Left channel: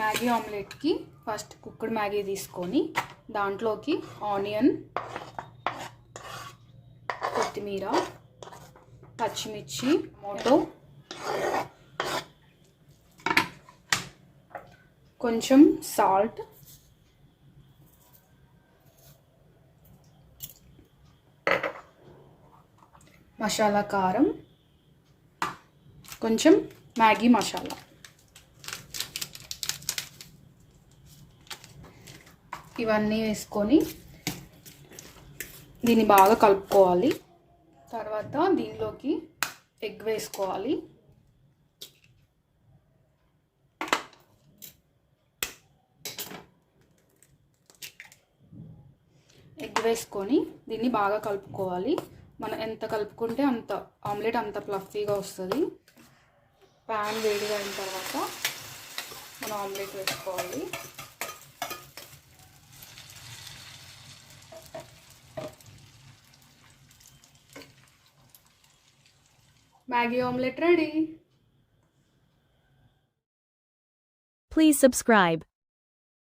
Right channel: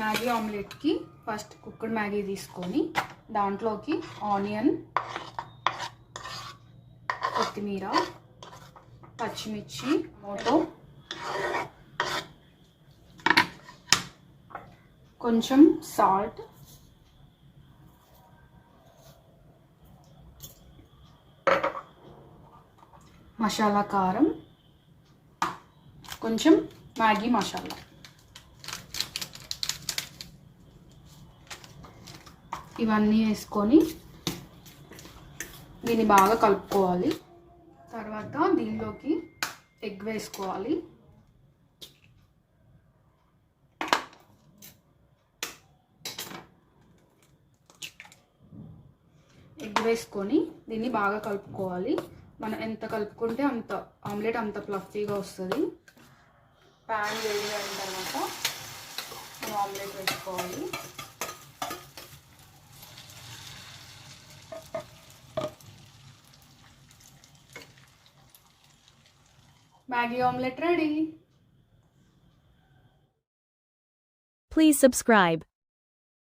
Maggi ఆమ్లెట్కి first cooked Maggi తీసుకొని దాంట్లోకి onion, కొత్తిమీర, పచ్చిమిర్చి, టమాటో, కొంచెం సాల్ట్, మసాలా కారం, కొంచెం మ్యాగీ మసాలా, ఇవన్నీ వేసుకొని దీన్ని బాగా కలుపుకోవాలి. తర్వాత దీనిలోకి ఎగ్ వేసుకోవాలి. ఎగ్ వేసుకొని దీన్ని బాగా కలుపుకోవాలి. మనం ఎంత కలుపుకుంటే అంత ఆమ్లెట్ అంత ఫ్లఫీగా వస్తుంది. ప్యాన్ వేడిగా అయిన తర్వాత మనం ఆమ్లెట్ వేసుకోవాలి. Maggi omelette ready. Please subscribe.